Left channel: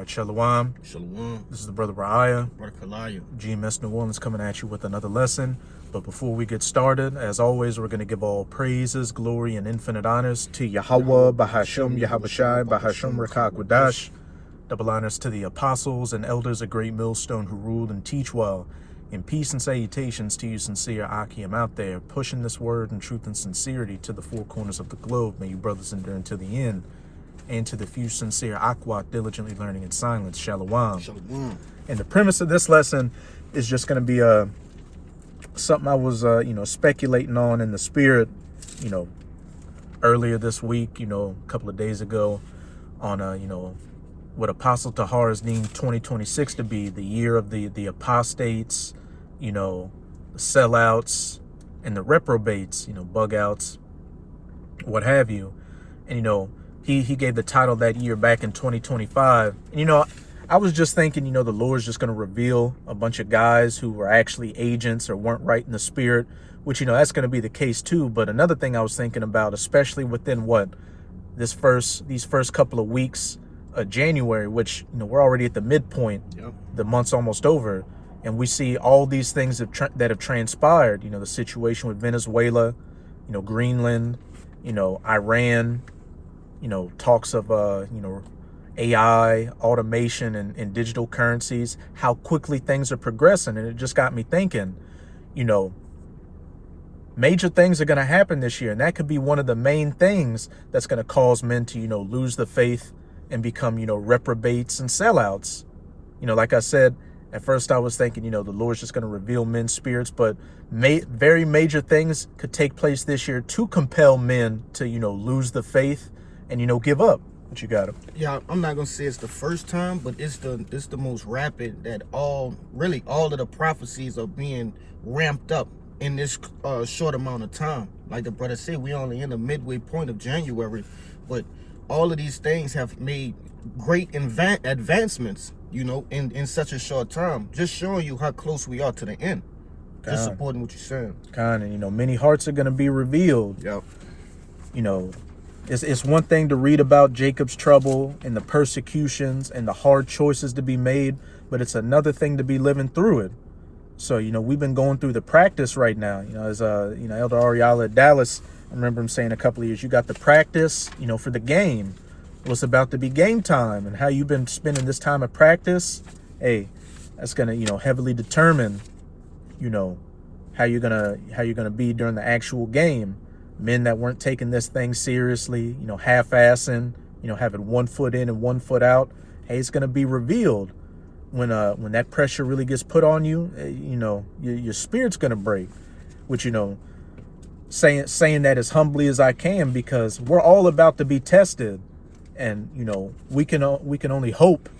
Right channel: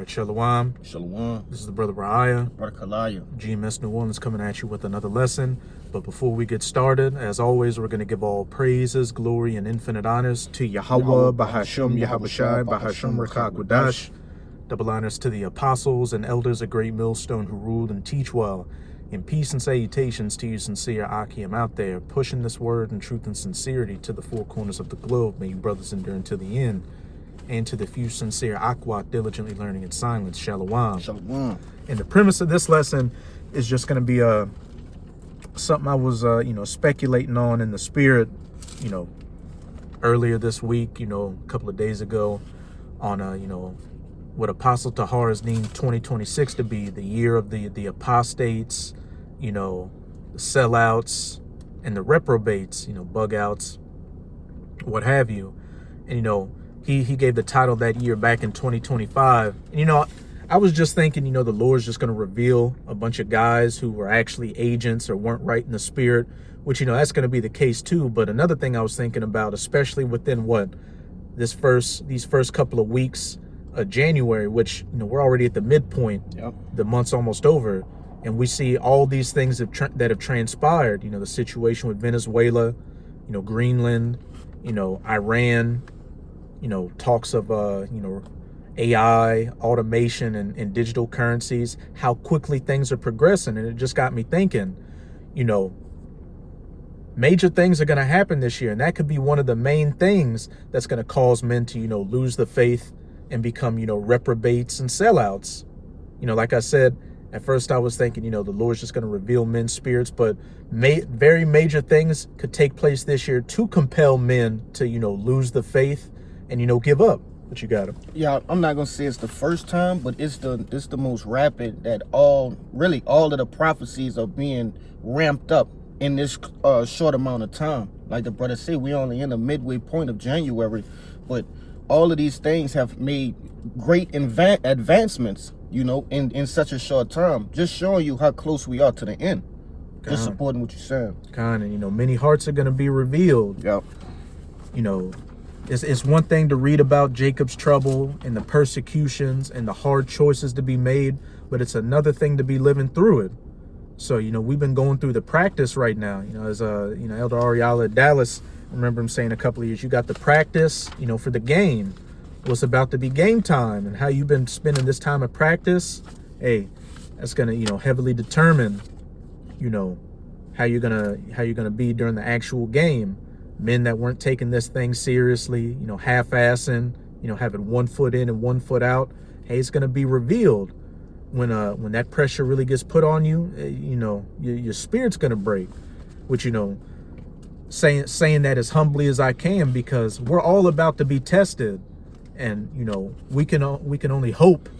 right, Shalom. Shalom. This is the brother Ra'aya. Brother Kalaya. GMS New Orleans coming at you with another lesson. But before we get started, as always, we're going to give all praises, glory, and infinite honors to Yahweh, Bahasham, Yahabushai, Bahasham, Rakakwadash. Double honors to the apostles and elders of Great Millstone who ruled and teach well. In peace and salutations to you sincere Akim out there, pushing this word in truth and sincerity to the four corners of the globe. May you brothers endure until the end. And to the few sincere Akwat diligently learning in silence. Shalom. Shalom. And the premise of this lesson is just going to be something I was speculating on in the spirit, earlier this week, a couple of days ago, on what Apostle Tahar is named 2026 to be, the year of the apostates, the sellouts and the reprobates, bug outs, what have you. And he gave the title that year back in 2025. And I was just thinking, the Lord's just going to reveal a bunch of guys who were actually agents or weren't right in the spirit, which, that's going to be the case too. But another thing I was thinking about, especially within these first couple of weeks of January, which, we're already at the midpoint, Yep. The month's almost over. And we see all these things that have transpired, the situation with Venezuela, Greenland, Iran, talks of, AI, automation, and digital currencies, how quickly things are progressing. And it just got me thinking, major things are going to happen this year. And that could be one of the main things that's going to cause men to, lose the faith and become, reprobates and sellouts. Like I said, at first I was thinking, the Lord's just going to reveal men's spirits, but very major things could take place this year to compel men to, lose the faith and, give up. What you got him? Yeah, I'm not gonna say it's the first time, but it's the most rapid that all of the prophecies are being ramped up in this short amount of time. Like the brother said, we only in the midway point of January, but all of these things have made great advancements, in such a short time. Just showing you how close we are to the end. Just supporting what you're saying. Kind of, many hearts are gonna be revealed. Yep. It's one thing to read about Jacob's trouble and the persecutions and the hard choices to be made, but it's another thing to be living through it. So, we've been going through the practice right now. As Elder Ariala at Dallas, I remember him saying a couple of years, you got the practice, for the game. What's about to be game time, and how you've been spending this time of practice. Hey, that's gonna, heavily determine, how you're gonna be during the actual game. Men that weren't taking this thing seriously, half-assing, having one foot in and one foot out. Hey, it's going to be revealed when that pressure really gets put on you. Your spirit's going to break. Which, saying that as humbly as I can, because we're all about to be tested, and we can only hope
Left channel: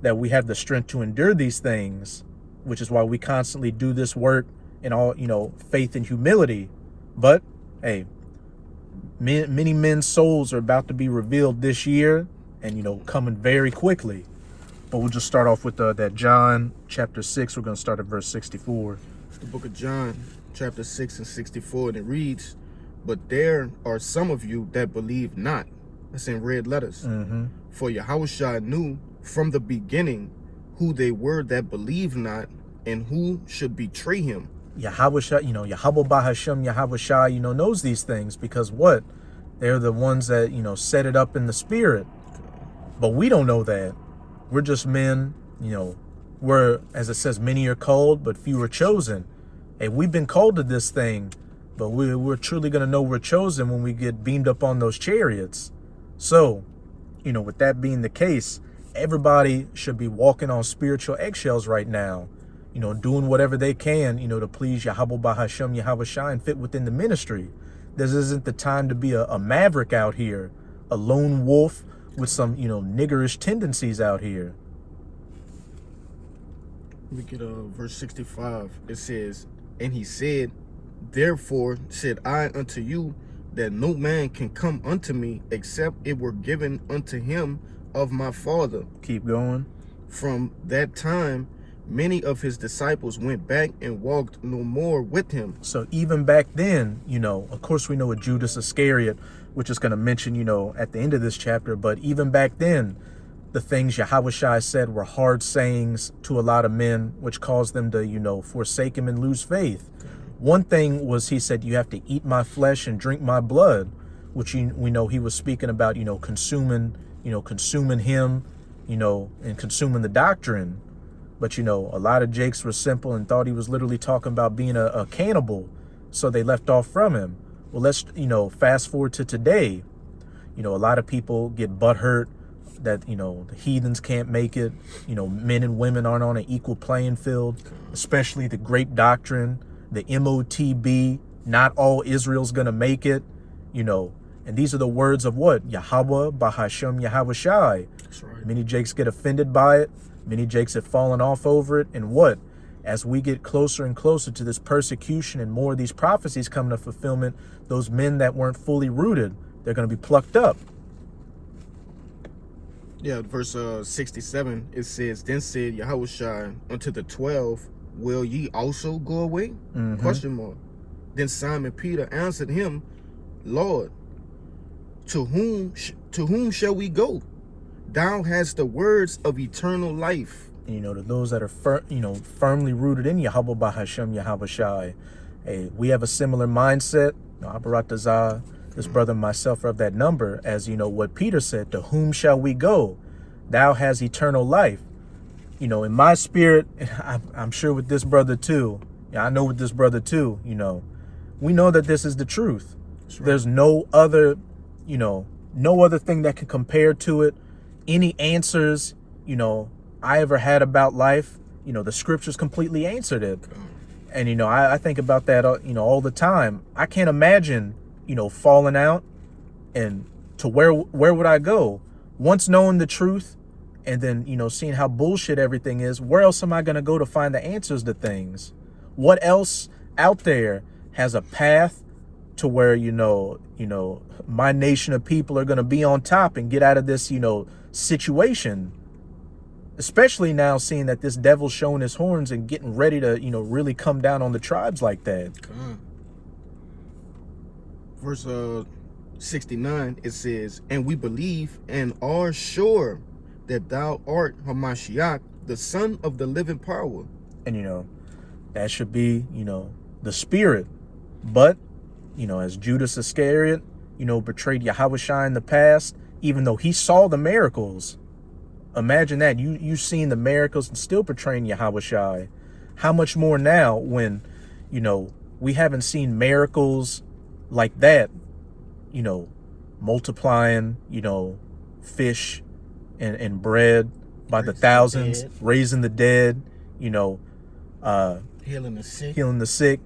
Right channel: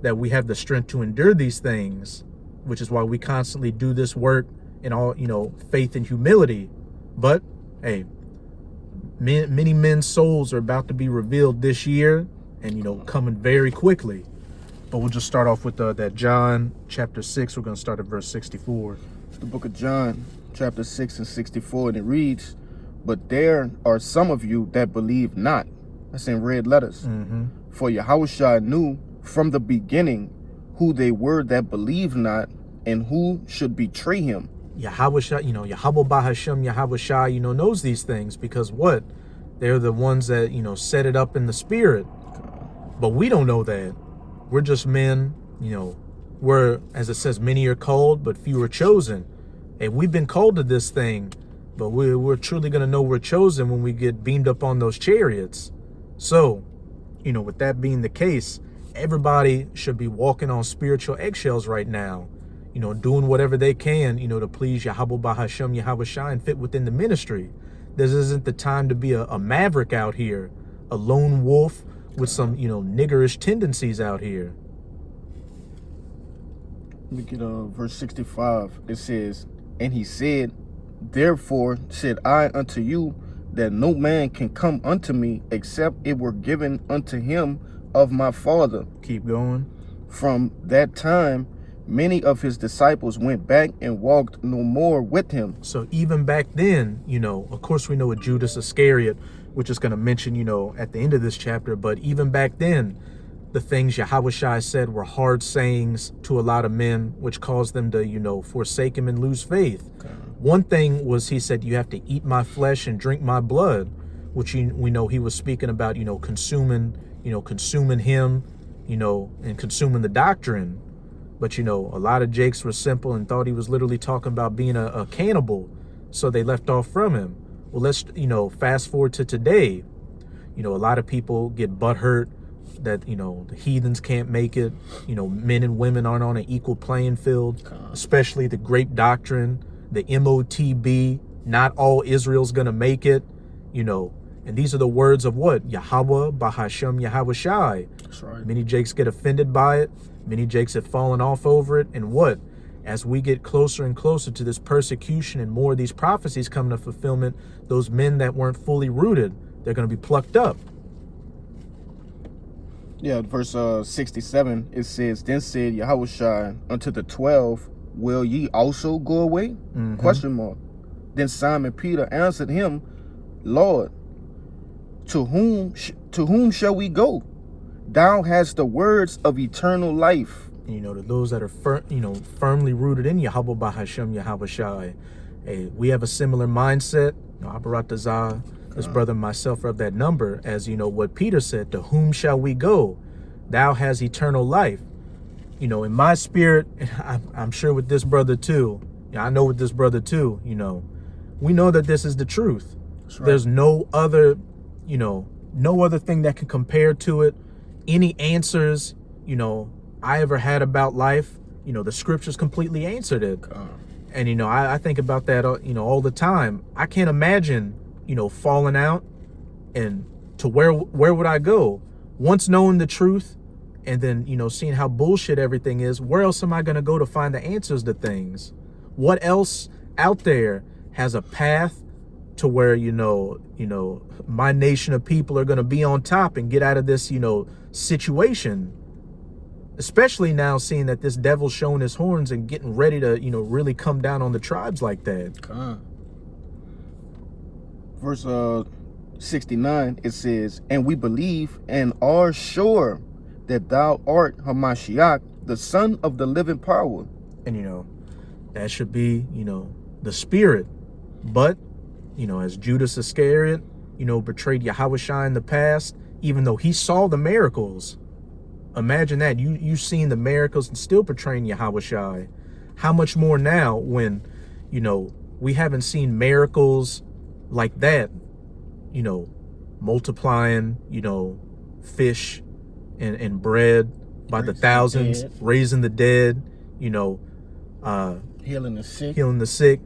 that we have the strength to endure these things, which is why we constantly do this work in all faith and humility. But hey, many men's souls are about to be revealed this year, and coming very quickly. But we'll just start off with that John chapter 6. We're going to start at verse 64. It's the book of John, chapter 6 and 64, and it reads, "But there are some of you that believe not." That's in red letters. Mm-hmm. "For Yahushua knew from the beginning who they were that believed not, and who should betray him." Yahweh, Yahweh Bahasham, Yahweh, knows these things, because what? They're the ones that, set it up in the spirit. But we don't know that. We're just men, we're, as it says, many are called, but few are chosen. And we've been called to this thing, but we're truly going to know we're chosen when we get beamed up on those chariots. So, with that being the case, everybody should be walking on spiritual eggshells right now. Doing whatever they can, to please Yahweh Bahasham, Yahweh Shai, and fit within the ministry. This isn't the time to be a maverick out here, a lone wolf with some, niggerish tendencies out here. Look at verse 65. It says, "And he said, Therefore said I unto you, that no man can come unto me, except it were given unto him of my Father." Keep going. "From that time, many of his disciples went back and walked no more with him." So even back then, of course we know a Judas Iscariot, which is going to mention, at the end of this chapter, but even back then, the things Yahushua said were hard sayings to a lot of men, which caused them to, forsake him and lose faith. Okay. One thing was, he said, you have to eat my flesh and drink my blood, which we know he was speaking about, consuming him, and consuming the doctrine. But, a lot of Jakes were simple and thought he was literally talking about being a cannibal. So they left off from him. Well, let's, fast forward to today. A lot of people get butthurt that, the heathens can't make it. Men and women aren't on an equal playing field, especially the grape doctrine, the MOTB, not all Israel's going to make it, And these are the words of what? Yahweh, Bahashem, Yahushai. That's right. Many Jakes get offended by it. Many Jakes have fallen off over it. And what? As we get closer and closer to this persecution and more of these prophecies coming to fulfillment, those men that weren't fully rooted, they're going to be plucked up. Yeah, verse 67, it says, Then said Yahushua unto the 12, Will ye also go away? Mm-hmm. Question mark. Then Simon Peter answered him, Lord, to whom shall we go? Thou hast the words of eternal life. And, to those that are firmly rooted in Yahweh Bahashem Yahushai, hey, we have a similar mindset. Abaratazah, this brother and myself are of that number, as what Peter said, to whom shall we go? Thou hast eternal life. In my spirit, I'm sure with this brother too. I know with this brother too, we know that this is the truth. Right. There's no other, no other thing that can compare to it. Any answers, I ever had about life, the scriptures completely answered it. And, I think about that, all the time. I can't imagine, falling out and to where would I go? Once knowing the truth and then, seeing how bullshit everything is, where else am I going to go to find the answers to things? What else out there has a path to where, my nation of people are going to be on top and get out of this, situation? Especially now seeing that this devil's showing his horns and getting ready to, really come down on the tribes like that. Verse 69, it says, And we believe and are sure that thou art Hamashiach, the son of the living power. And, that should be, the spirit. But, as Judas Iscariot, betrayed Yahushua in the past, even though he saw the miracles. Imagine that, you seen the miracles and still portraying Yahushua. How much more now when, we haven't seen miracles like that, multiplying, fish and bread by the thousands, raising the dead, healing the sick,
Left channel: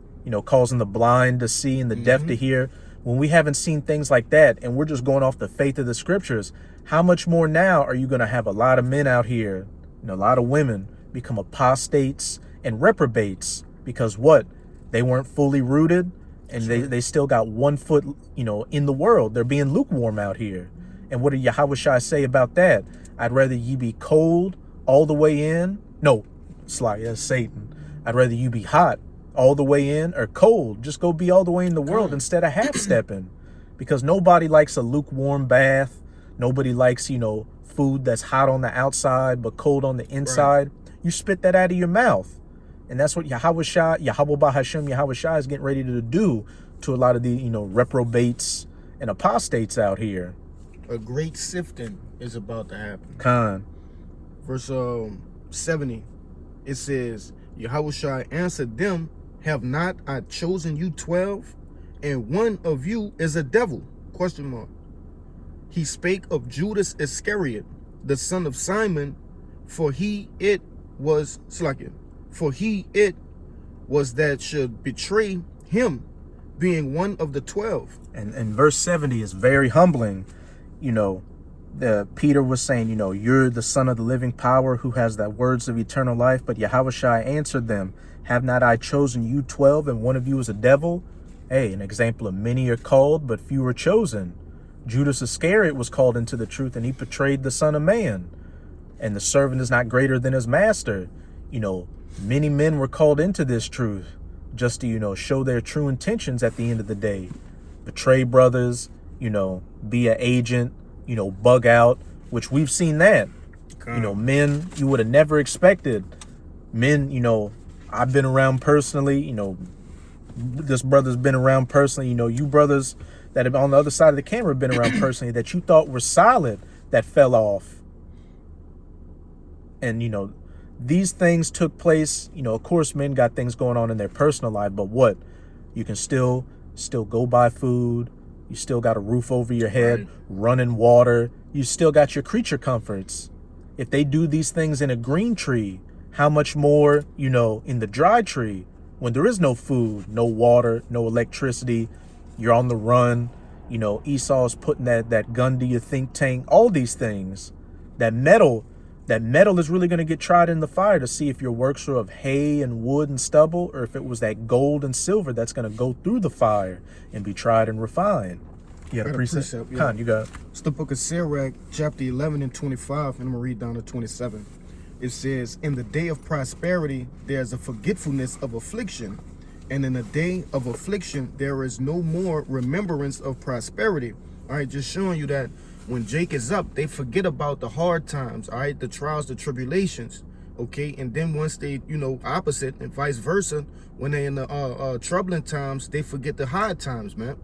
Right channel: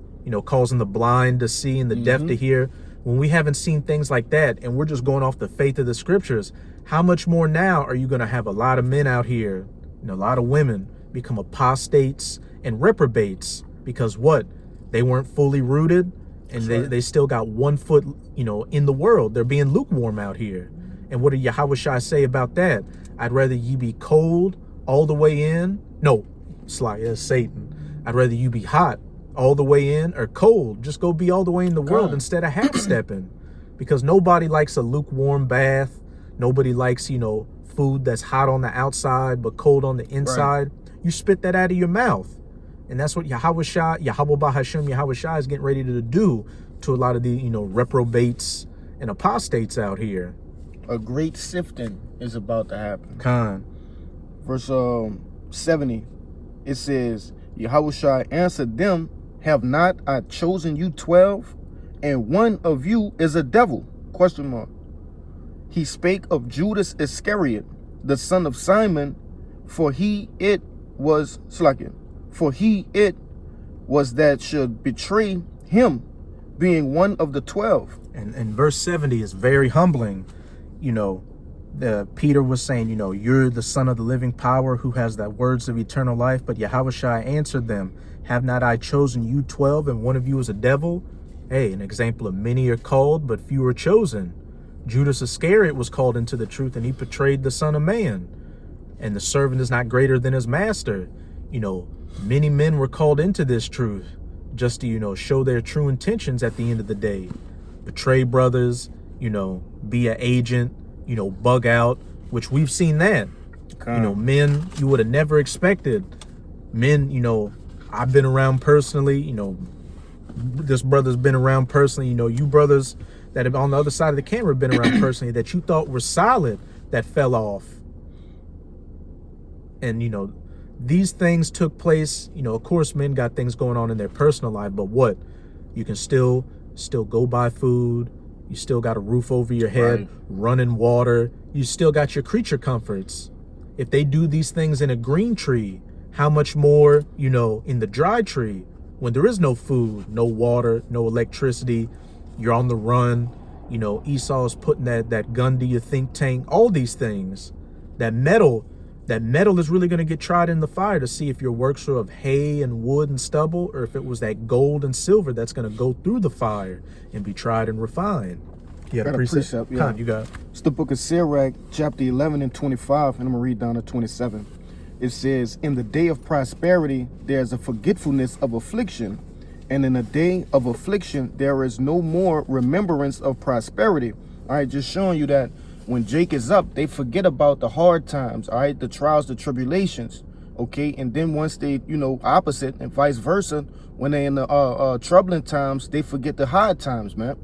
causing the blind to see and the deaf to hear. When we haven't seen things like that and we're just going off the faith of the scriptures, how much more now are you going to have a lot of men out here, a lot of women become apostates and reprobates because what? They weren't fully rooted and they still got 1 foot, in the world. They're being lukewarm out here. And what did Yahushua say about that? I'd rather you be cold all the way in. No, that's Satan. I'd rather you be hot all the way in or cold. Just go be all the way in the world instead of half-stepping. Because nobody likes a lukewarm bath. Nobody likes, food that's hot on the outside but cold on the inside. Right. You spit that out of your mouth. And that's what Yahweh Bahashem Yahushua is getting ready to do to a lot of the, reprobates and apostates out here. A great sifting is about to happen. Verse 70, it says, Yahushua answered them, Have not I chosen you 12, and one of you is a devil? Question mark. He spake of Judas Iscariot, the son of Simon, for he it was that should betray him, being one of the 12. And verse 70 is very humbling. Peter was saying, you're the son of the living power who has the words of eternal life. But Yahushua answered them, Have not I chosen you 12, and one of you is a devil? Hey, an example of many are called, but few are chosen. Judas Iscariot was called into the truth, and he betrayed the Son of Man. And the servant is not greater than his master. Many men were called into this truth just to, show their true intentions at the end of the day. Betray brothers, be an agent, bug out, which we've seen that. You know, men you would have never expected. Men, you know, I've been around personally, you know, this brother's been around personally, you know, you brothers that have on the other side of the camera been around personally that you thought were solid that fell off. And, you know, these things took place, you know, of course men got things going on in their personal life, but what? You can still go buy food. You still got a roof over your head, running water. You still got your creature comforts. If they do these things in a green tree, how much more, you know, in the dry tree when there is no food, no water, no electricity, you're on the run. You know, Esau's putting that gun to your think tank, all these things. That metal is really going to get tried in the fire to see if your works are of hay and wood and stubble, or if it was that gold and silver that's going to go through the fire and be tried and refined. You got a precept? Yeah. You got it. It's the book of Sirach, chapter 11 and 25, and I'm going to read down to 27. It says, in the day of prosperity, there's a forgetfulness of affliction, and in the day of affliction, there is no more remembrance of prosperity. All right, just showing you that when Jake is up, they forget about the hard times, all right, the trials, the tribulations, okay? And then once they, you know, opposite and vice versa, when they're in the troubling times, they forget the hard times, man.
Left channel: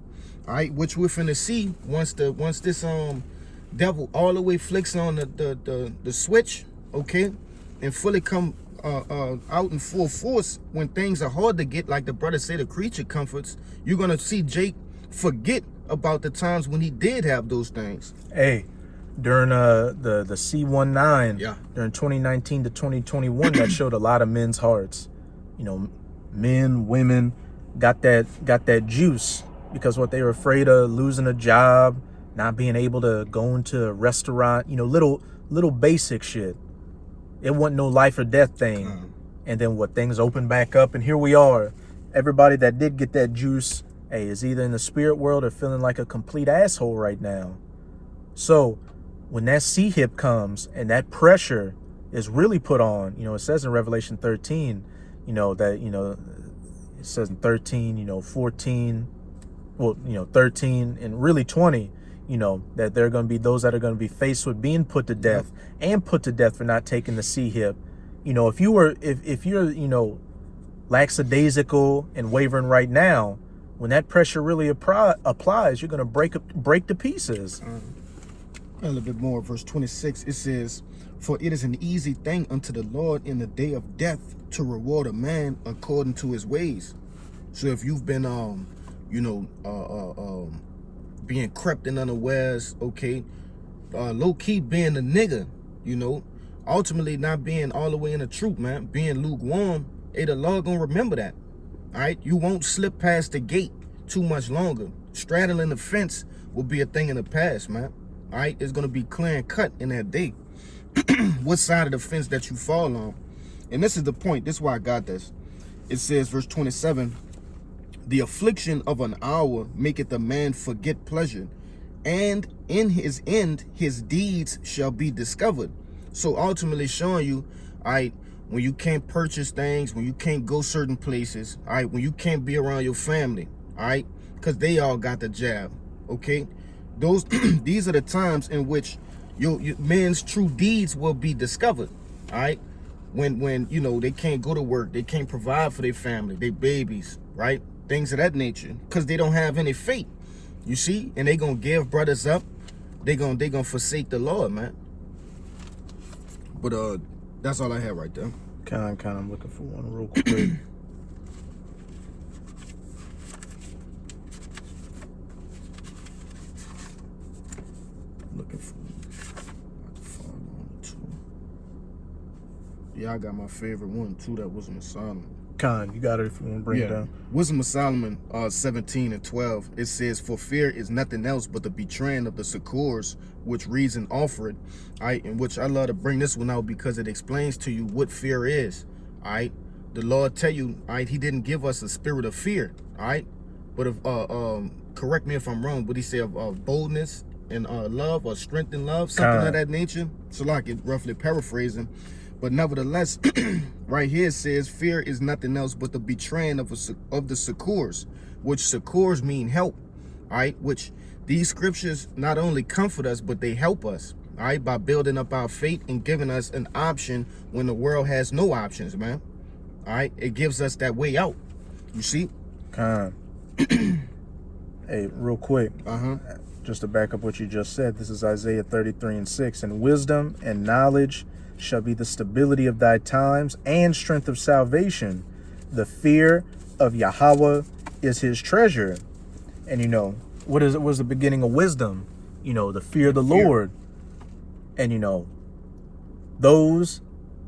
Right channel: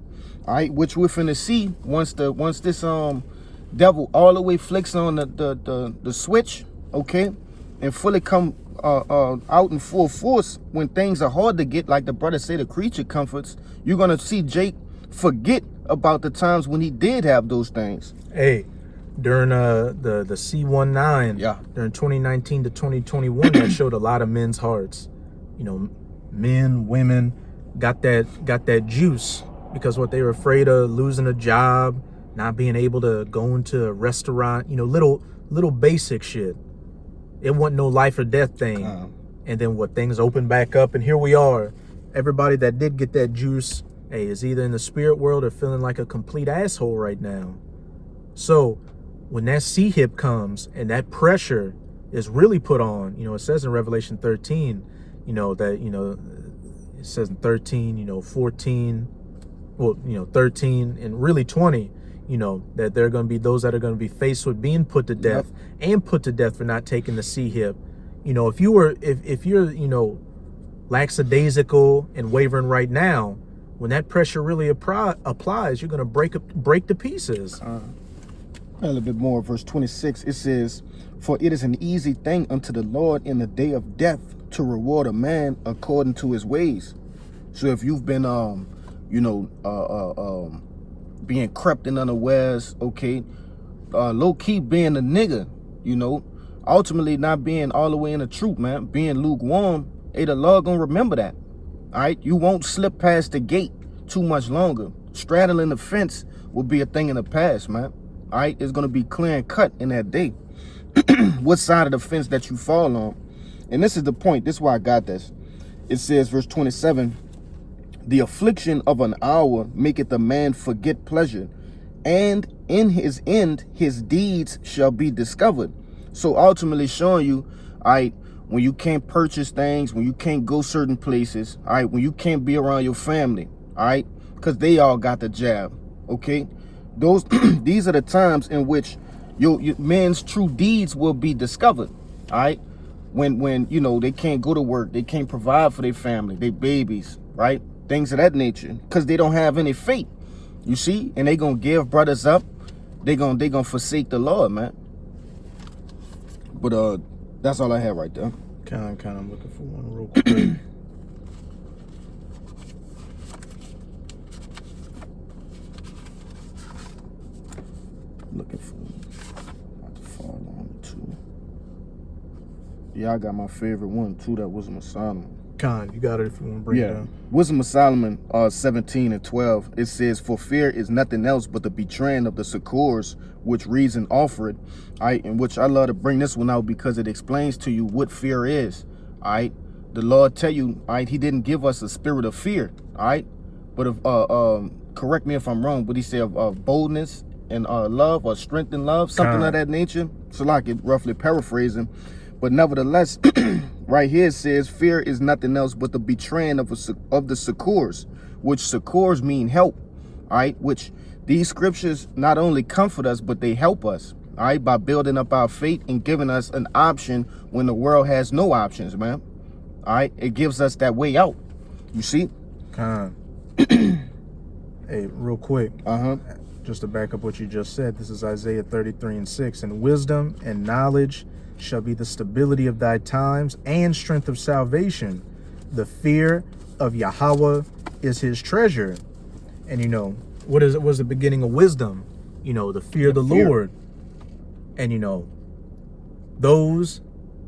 All right, which we're finna see once this devil all the way flicks on the switch, okay, and fully come out in full force when things are hard to get, like the brother said, the creature comforts. You're gonna see Jake forget about the times when he did have those things. Hey, during the C19, during 2019 to 2021, that showed a lot of men's hearts. You know, men, women got that juice because what they were afraid of, losing a job, not being able to go into a restaurant, you know, little basic shit. It wasn't no life or death thing. And then what, things opened back up, and here we are. Everybody that did get that juice, hey, is either in the spirit world or feeling like a complete asshole right now. So when that C-hip comes and that pressure is really put on, you know, it says in Revelation 13, you know, that, you know, it says in 13, you know, 14, well, you know, 13 and really 20, you know, that there are going to be those that are going to be faced with being put to death and put to death for not taking the C-hip. You know, if you're, you know, lackadaisical and wavering right now, when that pressure really applies, you're going to break to pieces. A little bit more, verse 26, it says, for it is an easy thing unto the Lord in the day of death to reward a man according to his ways. So if you've been, you know, being crept in unawares, okay, low-key being a nigga, you know, ultimately not being all the way in the truth, man, being lukewarm, hey, the Lord gonna remember that, all right? You won't slip past the gate too much longer. Straddling the fence will be a thing in the past, man, all right? It's gonna be clear and cut in that day. What side of the fence that you fall on. And this is the point, this is why I got this. It says, verse 27, the affliction of an hour maketh a man forget pleasure, and in his end his deeds shall be discovered. So ultimately showing you, all right, when you can't purchase things, when you can't go certain places, all right, when you can't be around your family, all right, because they all got the jab, okay? Those these are the times in which your man's true deeds will be discovered, all right? When you know, they can't go to work, they can't provide for their family, their babies, right? Things of that nature, because they don't have any faith, you see, and they gonna give brothers up. They gonna forsake the Lord, man. But that's all I have right there. Kind of, I'm looking for one real quick. Looking for about to fall on two. Yeah, I got my favorite one too. That was Solomon. You got it if you want to bring it down. Wisdom of Solomon 17 and 12. It says, for fear is nothing else but the betraying of the succors which reason offered. In which I love to bring this one out because it explains to you what fear is. The Lord tell you, he didn't give us a spirit of fear. But if correct me if I'm wrong, but he said of boldness and love, or strength and love, something of that nature. So like it roughly paraphrasing. But nevertheless, right here it says, fear is nothing else but the betraying of the succors, which succors mean help, which these scriptures not only comfort us, but they help us, all right, by building up our faith and giving us an option when the world has no options, man. All right, it gives us that way out. You see? Hey, real quick, just to back up what you just said, this is Isaiah 33:6. And wisdom and knowledge shall be the stability of thy times and strength of salvation. The fear of Yahweh is his treasure. And you know, what was the beginning of wisdom? You know, the fear of the Lord. And you know, those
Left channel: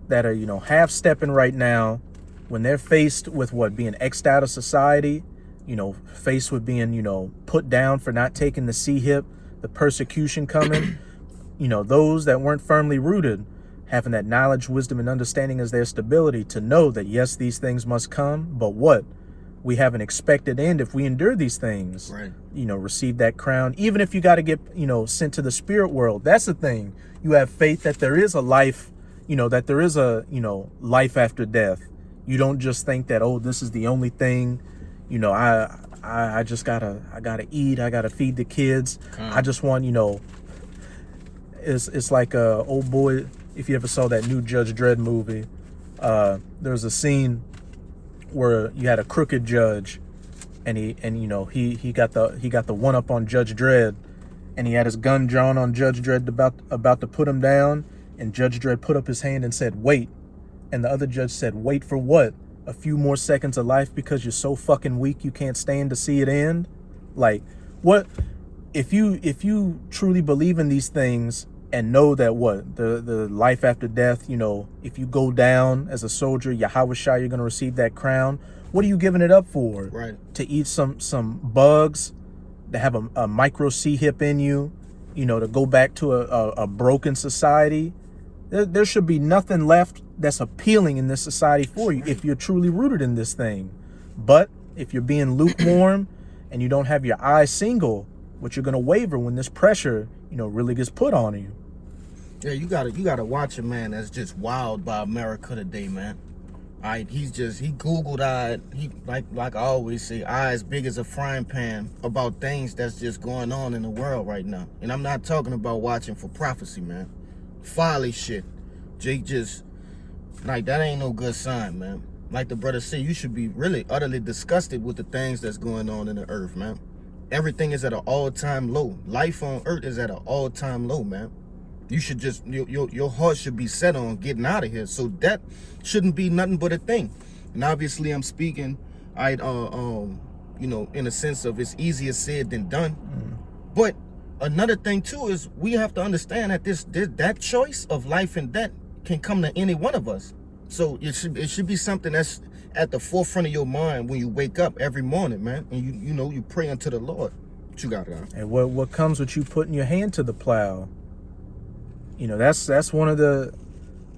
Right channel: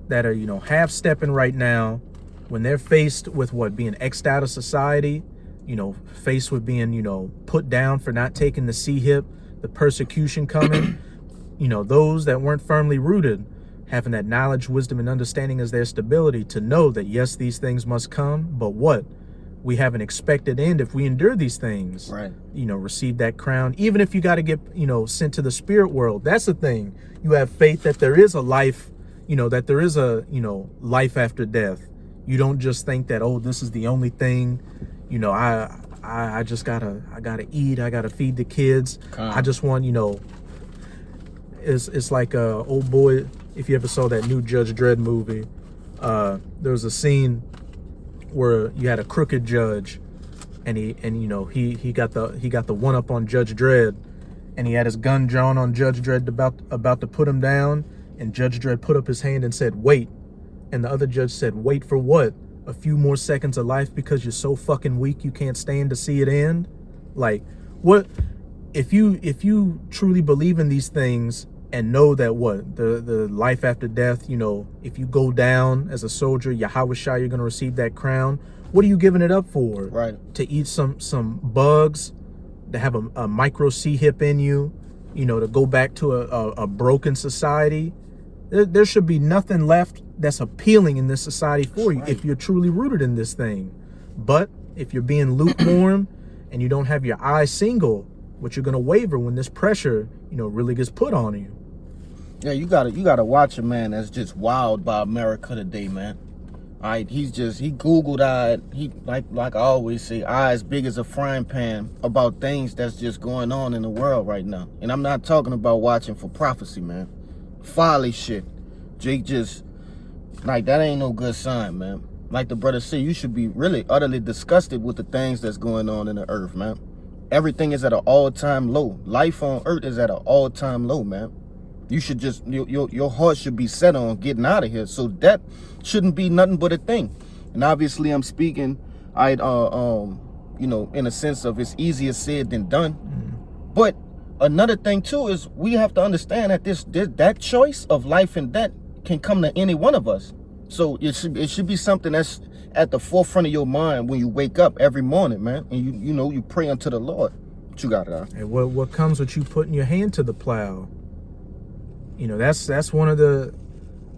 that are, you know, half-stepping right now, when they're faced with being X'd out of society, you know, faced with being, you know, put down for not taking the C-hip, the persecution coming, you know, those that weren't firmly rooted, having that knowledge, wisdom, and understanding as their stability to know that, yes, these things must come, but what? We have an expected end if we endure these things. Right. You know, receive that crown. Even if you got to get, you know, sent to the spirit world, that's the thing. You have faith that there is a life, you know, that there is a, you know, life after death. You don't just think that, oh, this is the only thing, you know, I just gotta eat, I gotta feed the kids. I just want, you know, it's like old boy, if you ever saw that new Judge Dredd movie, there was a scene where you had a crooked judge, and he got the one up on Judge Dredd, and he had his gun drawn on Judge Dredd about to put him down, and Judge Dredd put up his hand and said, "Wait." And the other judge said, "Wait for what? A few more seconds of life because you're so fucking weak you can't stand to see it end?" Like, what if you truly believe in these things and know that the life after death, you know, if you go down as a soldier, Yahweh Shai, you're gonna receive that crown. What are you giving it up for? Right. To eat some bugs, to have a micro C-hip in you, you know, to go back to a broken society. There should be nothing left that's appealing in this society for you if you're truly rooted in this thing. But if you're being lukewarm and you don't have your eyes single, what you're gonna waver when this pressure, you know, really gets put on you. Yeah, you gotta watch a man that's just wild by America today, man. All right, he Googled he like I always say, eyes big as a frying pan about things that's just going on in the world right now. And I'm not talking about watching for prophecy, man. Folly shit. Jake just like that ain't no good sign, man. Like the brother said, you should be really utterly disgusted with the things that's going on in the earth, man. Everything is at an all-time low. Life on earth is at an all-time low, man. You should just your heart should be set on getting out of here. So that shouldn't be nothing but a thing. And obviously I'm speaking you know, in a sense of it's easier said than done. But another thing too is we have to understand that that choice of life and death can come to any one of us. So it should be something that's at the forefront of your mind when you wake up every morning, man, and you know you pray unto the Lord. What you got it? And what comes with you putting your hand to the plow? You know, that's one of the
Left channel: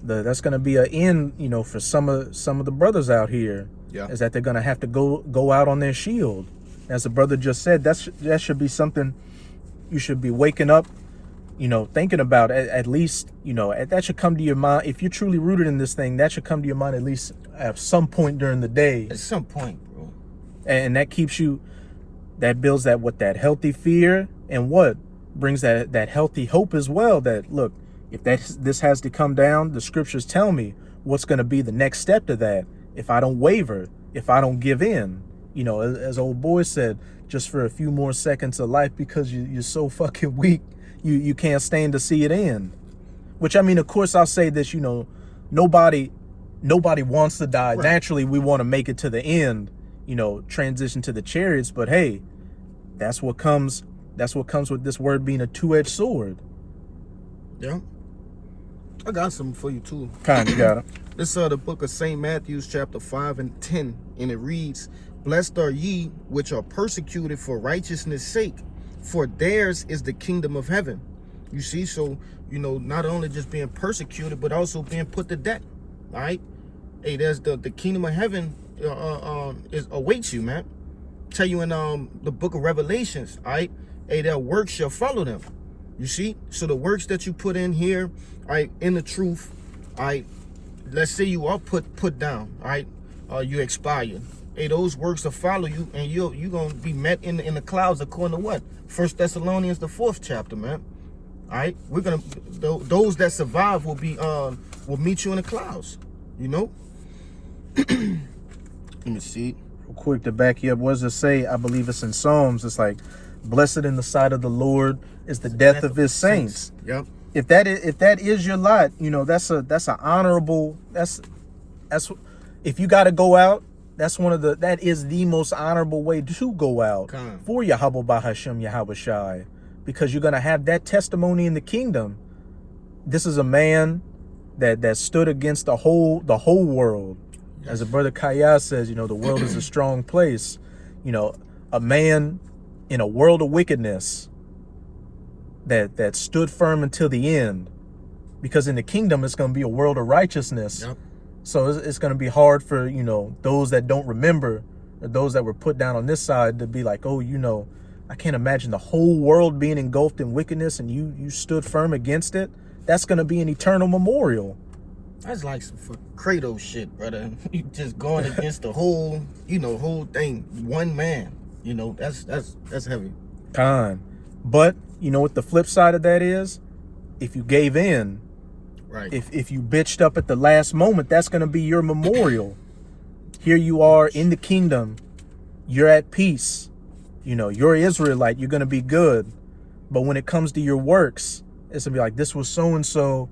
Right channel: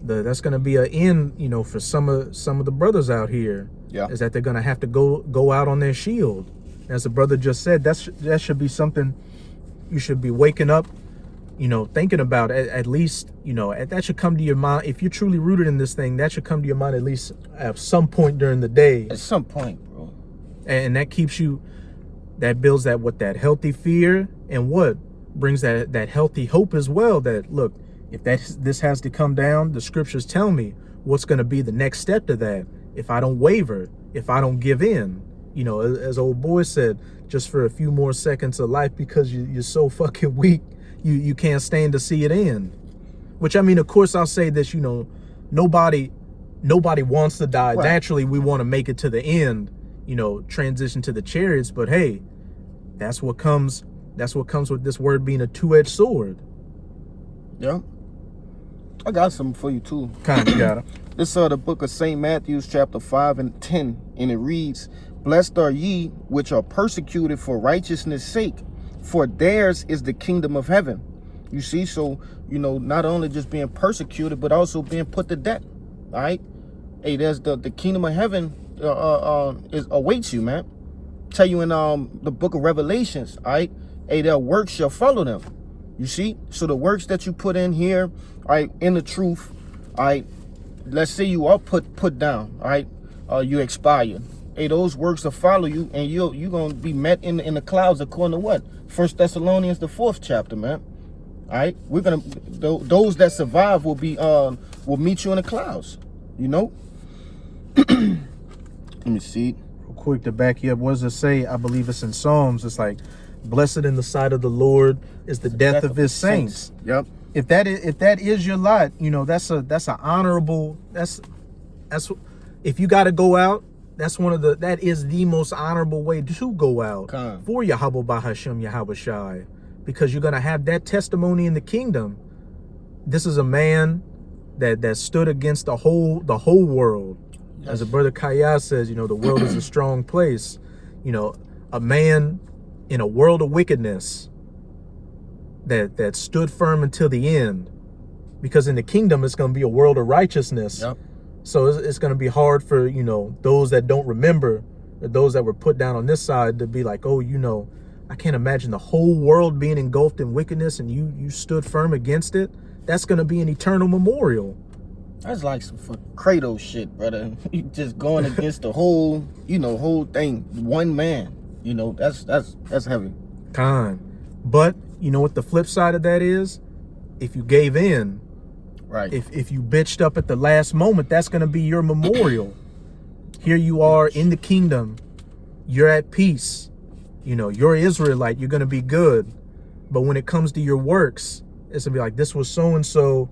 that's gonna be an end, you know, for some of the brothers out here. Yeah. Is that they're gonna have to go out on their shield. As the brother just said, that should be something you should be waking up, you know, thinking about at least, you know, that should come to your mind. If you're truly rooted in this thing, that should come to your mind at least at some point during the day. At some point, bro. And that keeps you, that builds that healthy fear, and what brings that healthy hope as well. That look, if this has to come down, the scriptures tell me what's going to be the next step to that. If I don't waver, if I don't give in, you know, as old boy said, just for a few more seconds of life because you're so fucking weak, you can't stand to see it end. Which, I mean, of course, I'll say this, you know, nobody wants to die. Right. Naturally, we want to make it to the end, you know, transition to the chariots. But hey, that's what comes with this word being a two-edged sword. Yeah. I got something for you too. Kind of got it. This the book of St. Matthew, chapter 5 and 10, and it reads, "Blessed are ye which are persecuted for righteousness' sake, for theirs is the kingdom of heaven." You see, so, you know, not only just being persecuted, but also being put to death. All right? Hey, there's the kingdom of heaven awaits you, man. Tell you in the book of Revelations, all right? Hey, their works shall follow them. You see? So the works that you put in here, all right, in the truth, all right, let's say you are put down, all right, you expired. Hey, those works will follow you, and you're going to be met in the clouds according to what? 1 Thessalonians, the 4th chapter, man. All right, we're gonna those that survive will meet you in the clouds. You know. Let me see. Real quick to back you up, what does it say? I believe it's in Psalms. It's like, blessed in the sight of the Lord is the death of his saints. Yep. If that is your lot, you know, that's an honorable, that's if you got to go out, that is the most honorable way to go out for Yahweh Bahashem Yahweh Shai, because you're going to have that testimony in the kingdom. This is a man that stood against the whole world. Yes. As a brother Kaya says, you know, the world is a strong place. You know, a man in a world of wickedness that stood firm until the end, because in the kingdom it's going to be a world of righteousness. Yep. So it's going to be hard for, you know, those that don't remember, or those that were put down on this side, to be like, oh, you know, I can't imagine the whole world being engulfed in wickedness and you stood firm against it. That's going to be an eternal memorial. That's like some Kratos shit, brother. You just going against the whole, you know, whole thing. One man, you know, that's heavy. But you know what the flip side of that is? If you gave in, right? If you bitched up at the last moment, that's going to be your memorial. Here you are in the kingdom. You're at peace. You know, you're Israelite. You're going to be good. But when it comes to your works, it's going to be like, this was so-and-so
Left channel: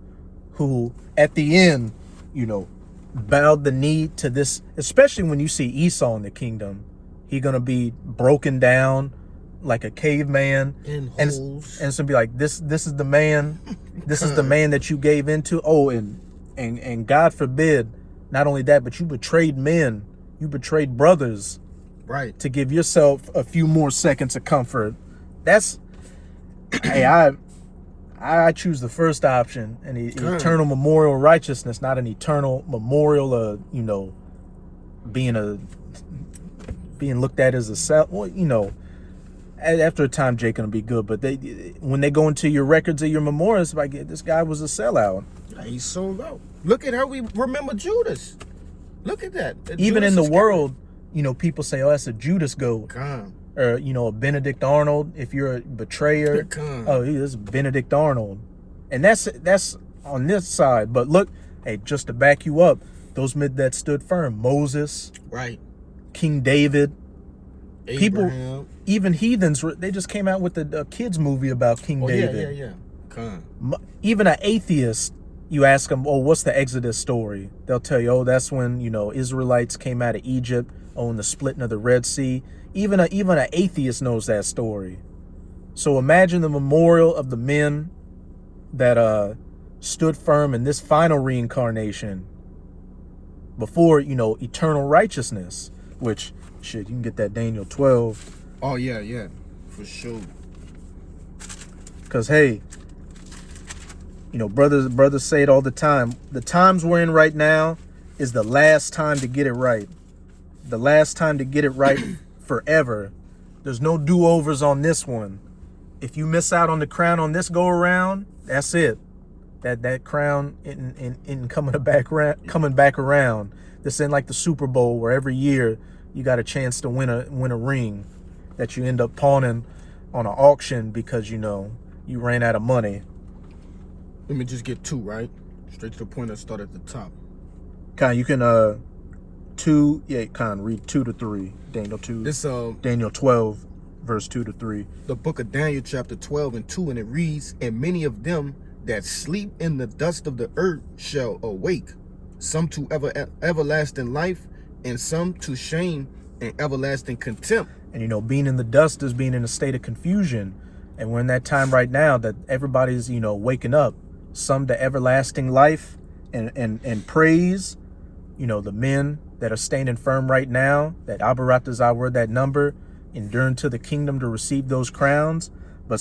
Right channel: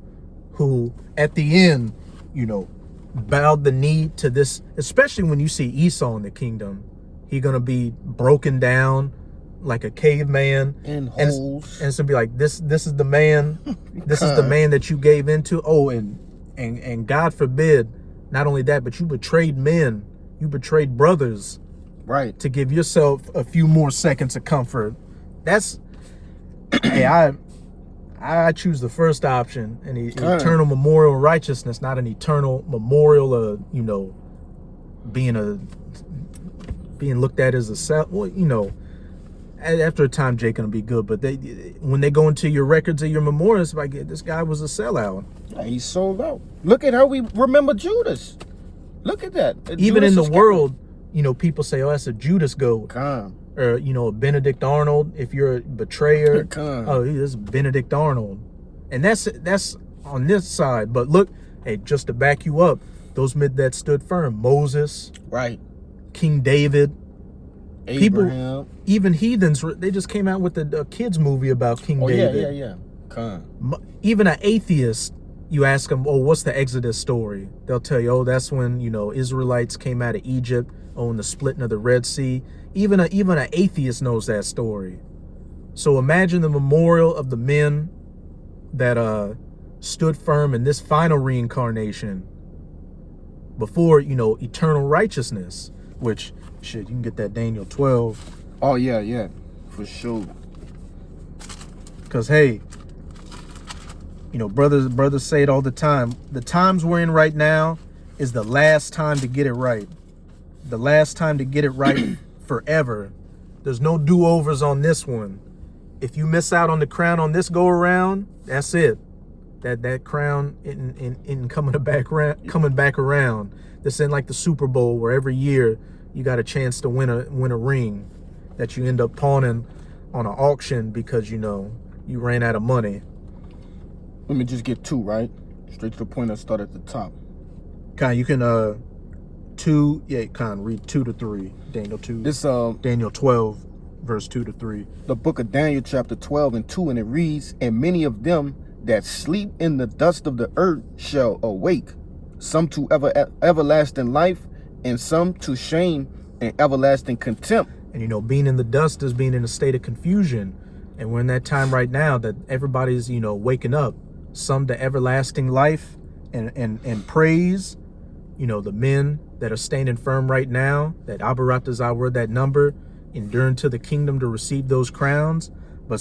who at the end, you know, bowed the knee to this. Especially when you see Esau in the kingdom, he's going to be broken down like a caveman, and it's going to be like, this is the man. This is the man that you gave into. Oh, and God forbid, not only that, but you betrayed men, you betrayed brothers, right, to give yourself a few more seconds of comfort. That's hey, I choose the first option, an eternal memorial of righteousness, not an eternal memorial of, you know, being looked at as a self. Well, you know, after a time, Jake gonna be good, but when they go into your records of your memorials, like, this guy was a sellout. Yeah, he sold out. Look at how we remember Judas. Look at that. Even Judas in the world, you know, people say, oh, that's a Judas goat. Or, you know, a Benedict Arnold, if you're a betrayer. Oh, this is Benedict Arnold. And that's on this side. But look, hey, just to back you up, those men that stood firm, Moses, right, King David, Abraham. People, even heathens, they just came out with a kids movie about King David. Yeah. Even an atheist, you ask them, oh, what's the Exodus story? They'll tell you, oh, that's when, you know, Israelites came out of Egypt, in the splitting of the Red Sea. Even an atheist knows that story. So imagine the memorial of the men that stood firm in this final reincarnation before, you know, eternal righteousness, which, shit, you can get that Daniel 12. Oh, yeah, for sure. Because, hey, you know, brothers say it all the time. The times we're in right now is the last time to get it right. The last time to get it right forever. There's no do-overs on this one. If you miss out on the crown on this go around, that's it. That crown in coming back around. This ain't like the Super Bowl where every year you got a chance to win a ring that you end up pawning on an auction because, you know, you ran out of money. Let me just get two, right? Straight to the point. I start at the top. You can read 2 to 3. Daniel 2. This Daniel 12, verse 2 to 3. The book of Daniel, chapter 12 and 2, and it reads, and many of them that sleep in the dust of the earth shall awake, some to everlasting life, and some to shame and everlasting contempt. And, you know, being in the dust is being in a state of confusion. And we're in that time right now that everybody's, you know, waking up. Some to everlasting life and praise. You know, the men that are standing firm right now, that Abaratazah were that number, enduring to the kingdom to receive those crowns. But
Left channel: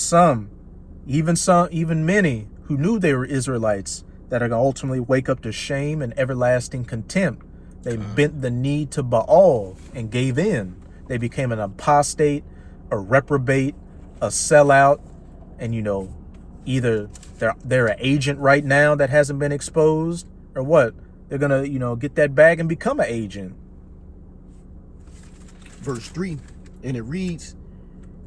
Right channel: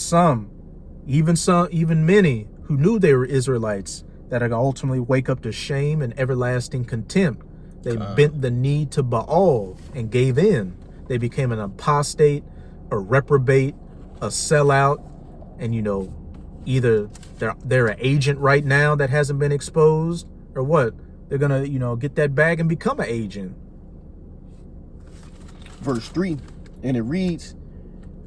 even many who knew they were Israelites, that are going to ultimately wake up to shame and everlasting contempt. They bent the knee to Baal and gave in. They became an apostate, a reprobate, a sellout, and, you know, either they're an agent right now that hasn't been exposed, or what? They're gonna, you know, get that bag and become an agent. Verse 3, and it reads,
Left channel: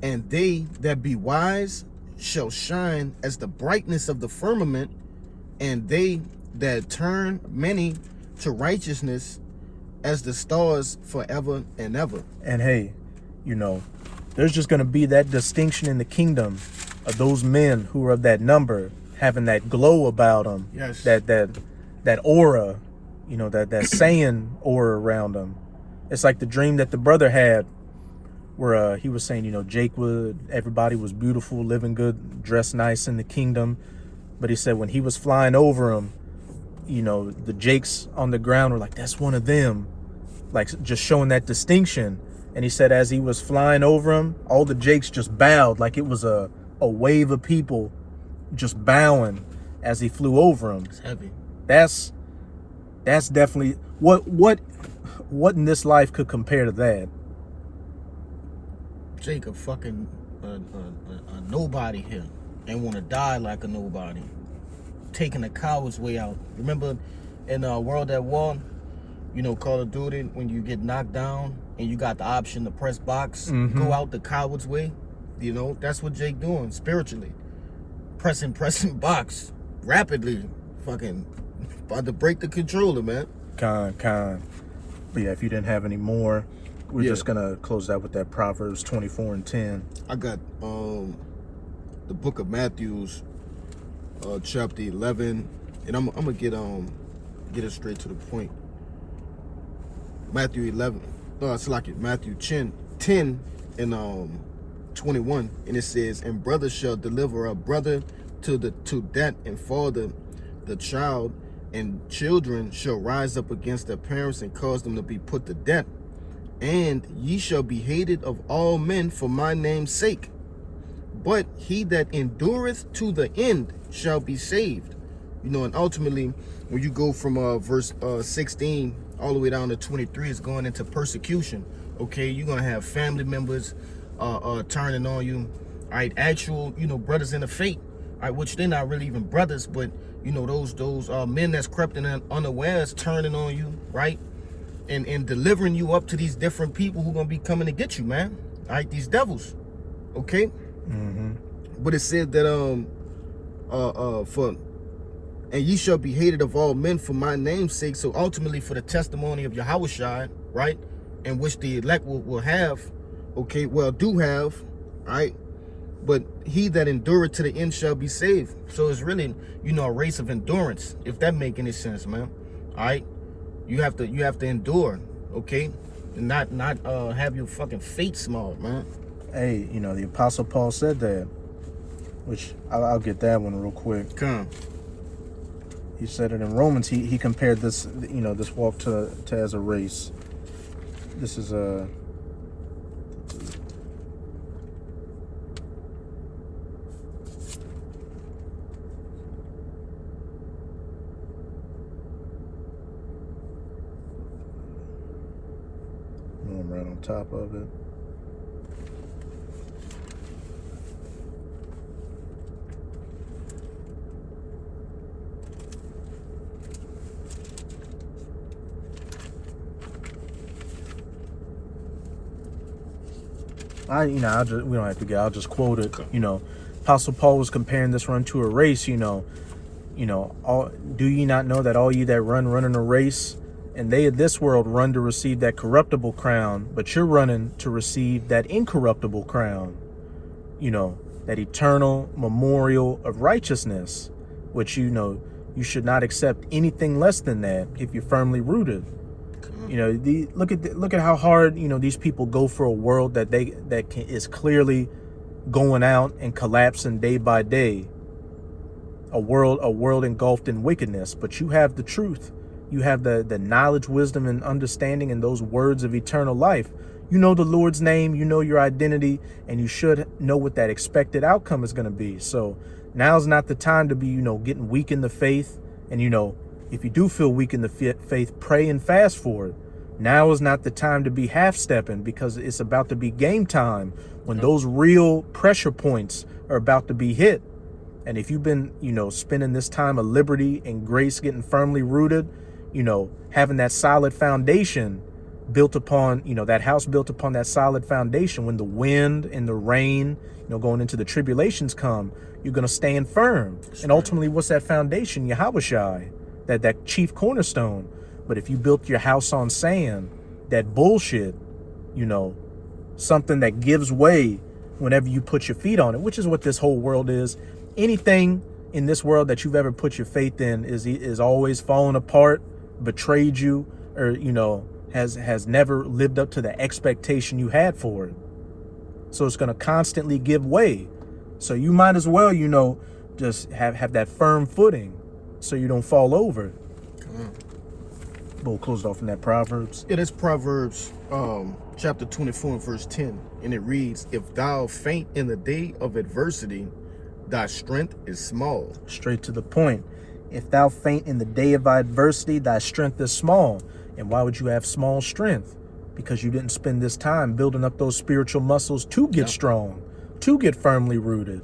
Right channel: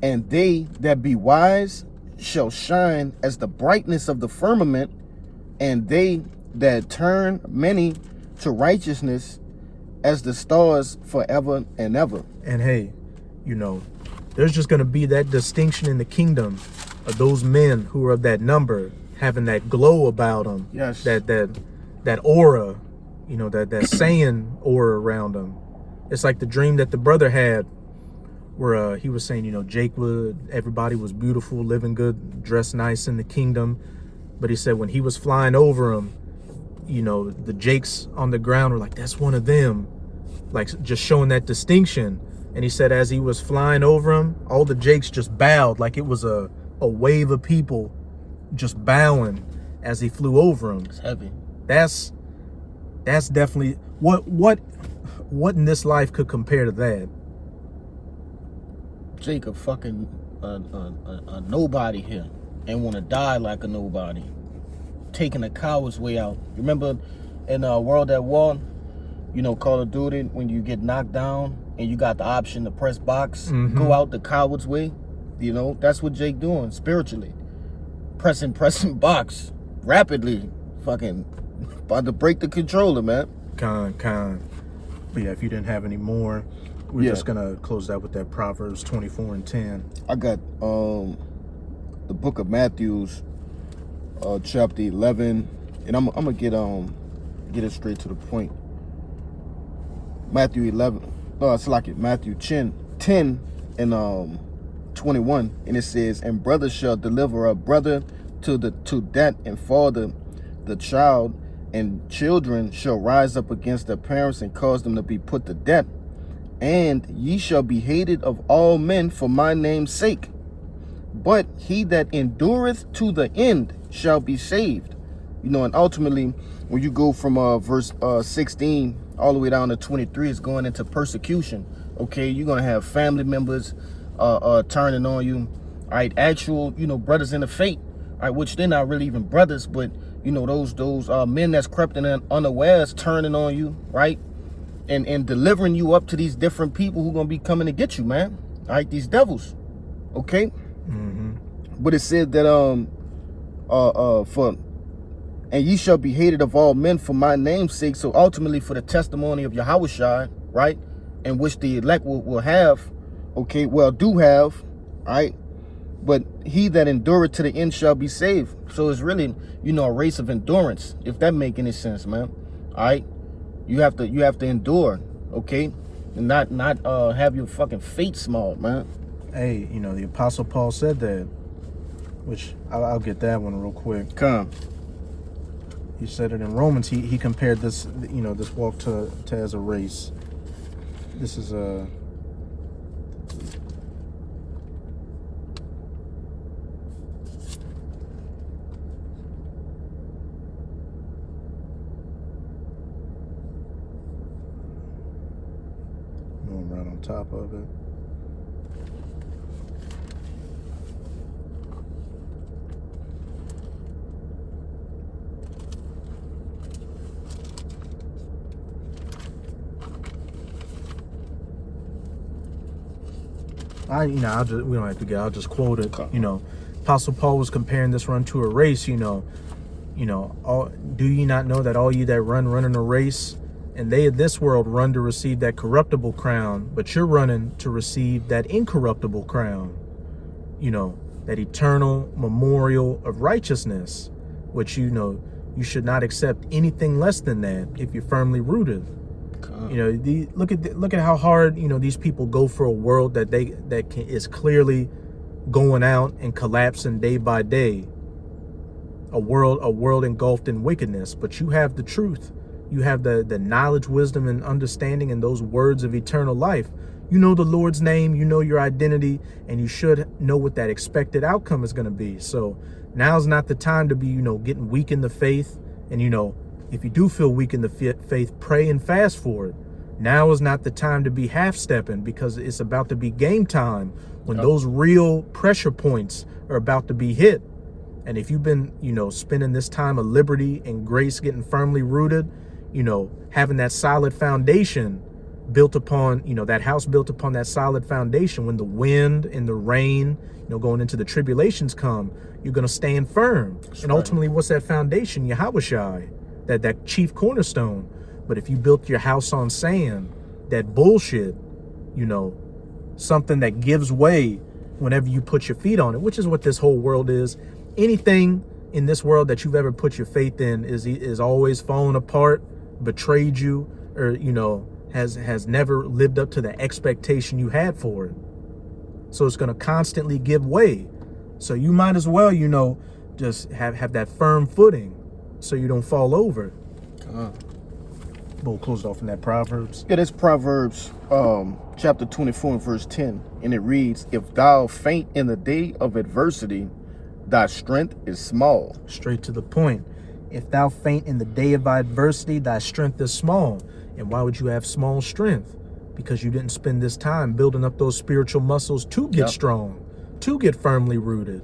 and they that be wise shall shine as the brightness of the firmament, and they that turn many to righteousness as the stars forever and ever. And hey, you know, there's just going to be that distinction in the kingdom of those men who are of that number, having that glow about them. Yes. That aura, you know, that saying aura around them. It's like the dream that the brother had where he was saying, you know, everybody was beautiful, living good, dressed nice in the kingdom. But he said when he was flying over him, you know, the Jakes on the ground were like, that's one of them, like just showing that distinction. And he said as he was flying over him, all the Jakes just bowed, like it was a wave of people just bowing as he flew over him. It's heavy. That's definitely what in this life could compare to that. Jacob fucking a nobody here and want to die like a nobody, taking the coward's way out. Remember in World at War, you know, Call of Duty, when you get knocked down and you got the option to press box, go out the coward's way. You know, that's what Jake doing spiritually, pressing box rapidly, fucking about to break the controller, man. Con. But yeah, if you didn't have any more, we're just gonna close out with that Proverbs 24:10. I got the book of Matthew's chapter 11, and I'm gonna get it straight to the point. Matthew 11, it's like it Matthew 10 and 21, and it says, and brother shall deliver a brother to death, and father the child, and children shall rise up against their parents and cause them to be put to death. And ye shall be hated of all men for my name's sake. But he that endureth to the end shall be saved. You know, and ultimately, when you go from verse 16 all the way down to 23, it's going into persecution. Okay, you're going to have family members turning on you. All right, actual, you know, brothers in the faith. All right, which they're not really even brothers, but, you know, those men that's crept in unawares turning on you, right? And delivering you up to these different people who are going to be coming to get you, man. All right, these devils. Okay? But it said that, and ye shall be hated of all men for my name's sake. So ultimately for the testimony of Yahushua, right? And which the elect will have, okay, well, do have, all right? But he that endureth to the end shall be saved. So it's really, you know, a race of endurance, if that make any sense, man. All right? You have to endure, okay? And not have your fucking fate small, man. Hey, you know, the Apostle Paul said that, which I'll get that one real quick. Come. He said it in Romans. He compared this, you know, this walk to as a race. This is a I'm right on top of it. We don't have to get. I'll just quote it. You know, Apostle Paul was comparing this run to a race. You know, do ye not know that all ye that run in a race, and they of this world run to receive that corruptible crown, but you're running to receive that incorruptible crown. You know, that eternal memorial of righteousness, which, you know, you should not accept anything less than that if you're firmly rooted. You know, look at how hard, you know, these people go for a world that is clearly going out and collapsing day by day. A world engulfed in wickedness, but you have the truth. You have the knowledge, wisdom, and understanding, and those words of eternal life. You know the Lord's name, you know your identity, and you should know what that expected outcome is going to be. So now's not the time to be, you know, getting weak in the faith. And, you know, if you do feel weak in the faith, pray and fast for it. Now is not the time to be half-stepping, because it's about to be game time when those real pressure points are about to be hit. And if you've been, you know, spending this time of liberty and grace, getting firmly rooted, you know, having that solid foundation, built upon, that house built upon that solid foundation. When the wind and the rain, going into the tribulations come, you're going to stand firm. That's and right. ultimately, what's that foundation? Yahushua, that chief cornerstone. But if you built your house on sand, that bullshit, something that gives way whenever you put your feet on it, which is what this whole world is. Anything in this world that you've ever put your faith in is always fallen apart, betrayed you, or has never lived up to the expectation you had for it. So it's going to constantly give way. So you might as well, just have that firm footing so you don't fall over. We'll close off in that Proverbs. It is Proverbs chapter 24 and verse 10. And it reads, if thou faint in the day of adversity, thy strength is small. Straight to the point. If thou faint in the day of adversity, thy strength is small. And why would you have small strength? Because you didn't spend this time building up those spiritual muscles to get strong, to get firmly rooted.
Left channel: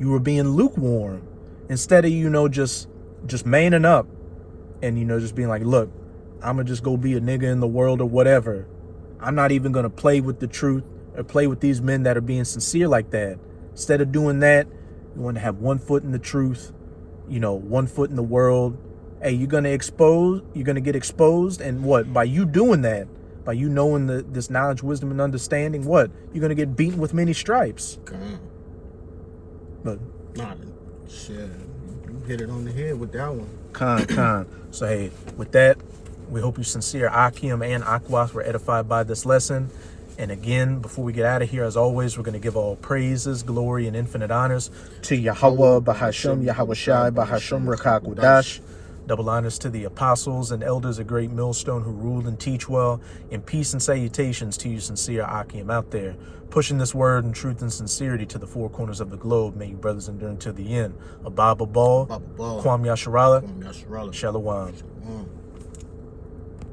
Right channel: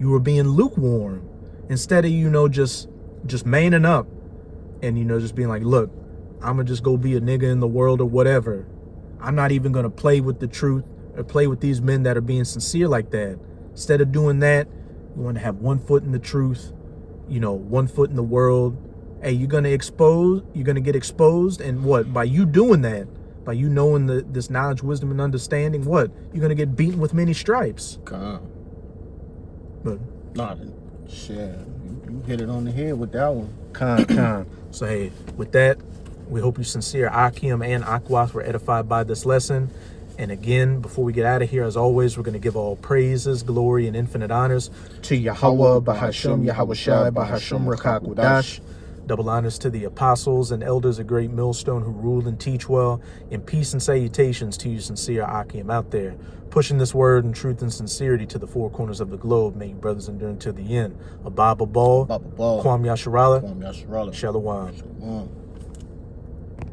You were being lukewarm instead of, just manning up and, just being like, look, I'm going to just go be a nigga in the world or whatever. I'm not even going to play with the truth or play with these men that are being sincere like that. Instead of doing that, you want to have 1 foot in the truth, 1 foot in the world. Hey, you're going to get exposed. And what? By you doing that, by you knowing this knowledge, wisdom, and understanding, what? You're going to get beaten with many stripes. But Nah, shit, you hit it on the head with that one. So, hey, with that, we hope you sincere Akim and Akwath were edified by this lesson. And again, before we get out of here, as always, we're going to give all praises, glory, and infinite honors to Yahweh, Bahasham, Yahushai, Bahasham, Rakak, Wadash. Double honors to the apostles and elders of Great Millstone who rule and teach well. And peace and salutations to you sincere Akim out there, pushing this word and truth and sincerity to the 4 corners of the globe. May you brothers endure until the end. Ababa Ball, Kwam Yasharala, Shalom. Shalom.